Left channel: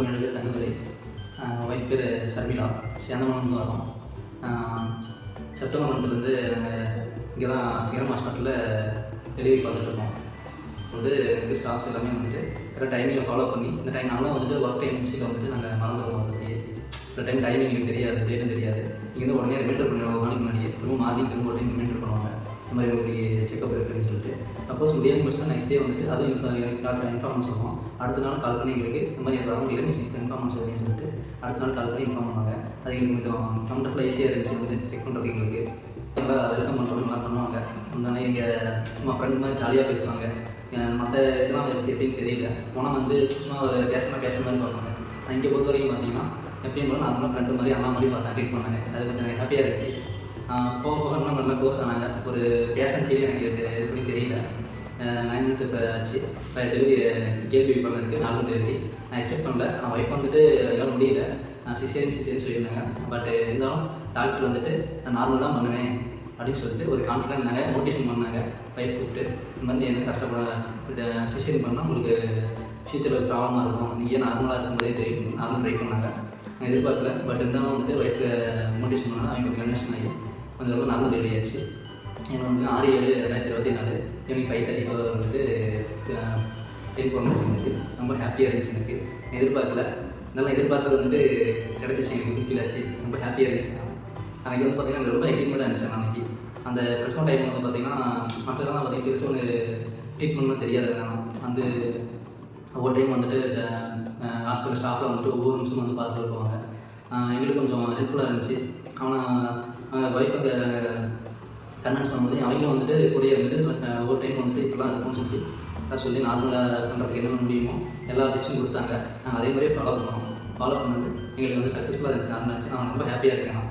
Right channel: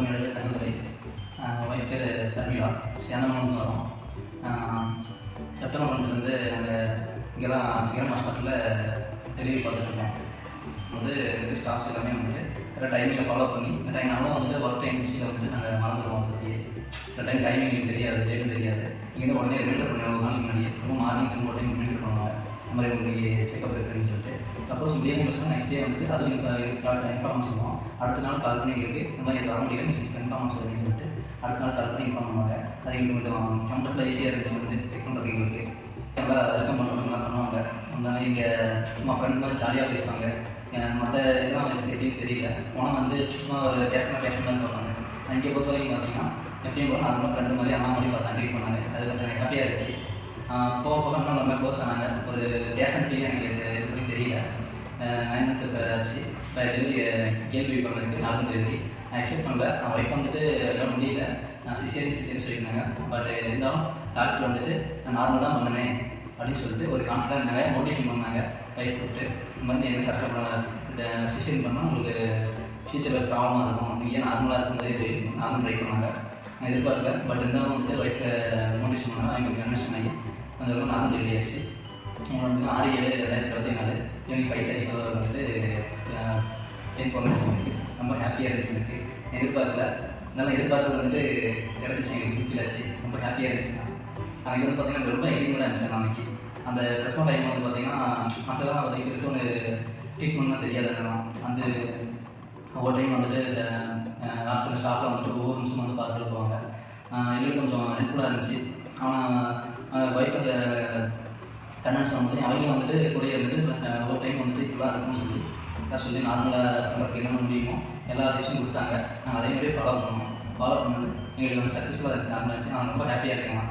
வணக்கம். என்னுடைய தங்கை ஒய்ஃப் பேர் ஷர்மிளா. சேந்தமங்கலம் வரோம். செப்டம்பர் மந்த்லேருந்து நாங்கள் இங்கே தான் சிகரம் ஹாஸ்பிட்டலில் டெலிவரி பார்த்துட்ருக்கோம். வந்து ஸ்டாஃப்ஸ் எல்லாமே வந்துட்டு கரெக்ட் டைமிங்கில் ஃபாலோ பண்ணி இந்த டைம் நாங்களும் வந்து ஒர்க் டைம் மிக்சியில் வந்துட்டு நாங்கள் மறந்துடுவோம். அதை பற்றி சில டைம் டைமிங் எங்களுக்கு தெரியாது, டேட்டும் தெரியாது. இங்கேருந்து உடனே ரிமைண்டர் பண்ணுவோம். ஒரு நாளைக்கு முன்னாடி திரும்ப மார்னிங் திரும்ப டைம் ரிமைண்டர் பண்ணுவாங்க. இந்த மாதிரி உங்களுக்கு செக்அப் இருக்குன்னு சொல்லிட்டு. சப்போஸ் முடியாது முடிச்சுன்னா நெக்ஸ்ட் டே வந்துட்டு அதுவும் டாக்டர் இன்ஃபார்ம் சொல்லுவோம். அடுத்த நாள் கால் பண்ணி எங்களுக்கு இந்த மாதிரி வர முடியல இன்ஃபார்ம் சொல்லுன்னு சொல்லிட்டு அடுத்த நாள் கால் பண்ணி இன்ஃபார்ம் பண்ணுவாங்க. அது எங்களுக்கு கொஞ்சம் கம்ஃபர்டபுளாக ஈஸியாக இருந்துச்சு வந்து செக் பண்ணுறதுக்கு. எங்களுக்கு நல்லா வெல்கம் பண்ணுறோம், நல்லா பண்ணுவாங்க. அதனால எங்கள் சும்மா ஃப்ரெண்ட் மாதிரி ஜாலியாக பேசுவாங்க. மற்ற இதெல்லாம் எப்படி எப்படின்னு தெரியல. ஆனால் வந்து சும்மா ஒரு பேசணும்னு பார்ப்பாங்க. நான் இங்கே பொறுத்த வரைக்கும் பார்த்தீங்கன்னா எப்பயும் போல நார்மலாக ஃப்ரெண்டு மாதிரி அம்மா மாதிரி பார்த்தா ட்ரீட் பண்ணாங்க. அது கொஞ்சம் எனக்கு ஹாப்பியாக இருந்துச்சு. போக போக இன்னும் நல்லா க்ளோஸ் ஆனாங்க. ஒரு பேஷன் ஃபீல் எனக்கு எதுவும் தெரியல. 9 month இப்போ ஆச்சு. இப்போ டெலிவரி கேள்வி பண்ணதுக்கு நார்மல் டெலிவரி நான் எக்ஸ்பெக்ட் பண்ணல. நான் ஒய்ஃப் வந்துட்டு எல்லாம் முடியல. நான் சிசேரியன் சொல்லியிருந்தாங்க. பட் இருந்தாலும் டாக்டர் வந்துட்டு நான் நார்மல் தான் பண்ணுவேன் அப்படின்னு சொல்லிட்டு ஒரு கான்ஃபிடன்ட் நிறைய மோட்டிவேஷன் பண்ணாங்க. ஒய்ஃப் கூப்பிட்டு இந்த மாதிரி என்ன கஷ்டப்பட சிசேரியன் பண்ணால் உங்களுக்கு ஃப்யூச்சரில் ப்ராப்ளமாக இருக்கும், நீங்கள் ஏன் நார்மலாக இருக்கும்போதே தெரியும், நார்மல் ட்ரை பண்ணாங்க. நான் எதிர்பார்க்கல. பட் இருந்தாலும் வந்து ஒய்ஃபை மோட்டிவேஷன் பண்ணால் அவங்க கொஞ்சம் கன்வென்ஷன் ஆகி கொஞ்சம் நார்மல் டெலிவரி ஆச்சு. எங்களுக்கு வந்து 6/7/2024 ஈவினிங் 5:30 வந்துட்டு இன்ஃபார்மேஷன் வந்து ரொம்ப ஹாப்பியாக இருந்துச்சு. எனக்கு எதிர்பார்க்கல. இருந்தாலும் எதிர்பார்த்தது வந்துட்டு கிடச்சிச்சு. எனக்கு ஃபீல் ஆச்சு. ரொம்ப ஹாப்பியாக இருந்துச்சு. அன்றைக்கி வந்து பார்த்திங்கன்னா ரொம்ப எக்ஸைட்மெண்ட்டாக இருந்துச்சு. அன்றைக்கி அந்த ப்ரெஸ்மோ டைம் வந்து பார்த்திங்கன்னா மக்கள்லாம் பார்த்திங்கன்னா பெருசாக ஒரு ட்ரீட்மெண்ட்லாம் தெரியாது. வந்து ஒவ்வொரு டைம் வந்துட்டு ஹாஸ்பிட்டல் ஸ்டாஃபில் வந்துட்டு ஒவ்வொரு நிமிஷம் வந்து பார்த்து சொல்லுவாங்க. எங்களுக்கு கொஞ்சம் ஹெல்ப்ஃபுல்லாக இருந்துச்சு. ஆனால் ஒய்ஃப் அந்த கன்வென்ஸ் பண்ணும்போது அவங்களும் வந்துட்டு கூடயே இருந்துட்டு ஒவ்வொரு டைம் வந்துட்டு இப்படிலாம் இருக்குன்னு சொல்லிட்டு சொல்லி நார்மலாக பண்ணுறதுக்கு என்ன முடியுமோ எல்லா டிப்ஸும் கொடுத்தாங்க. நாங்கள் அதே மாதிரி ஃபாலோ பண்ணோம். ஃபாலோ பண்ணது எங்களுக்கு வந்து சக்ஸஸ்ஃபுல்லாக இருந்துச்சு. நார்மலாக இருந்துச்சு. நான் ரொம்ப ஹாப்பியாக இருக்கேன்.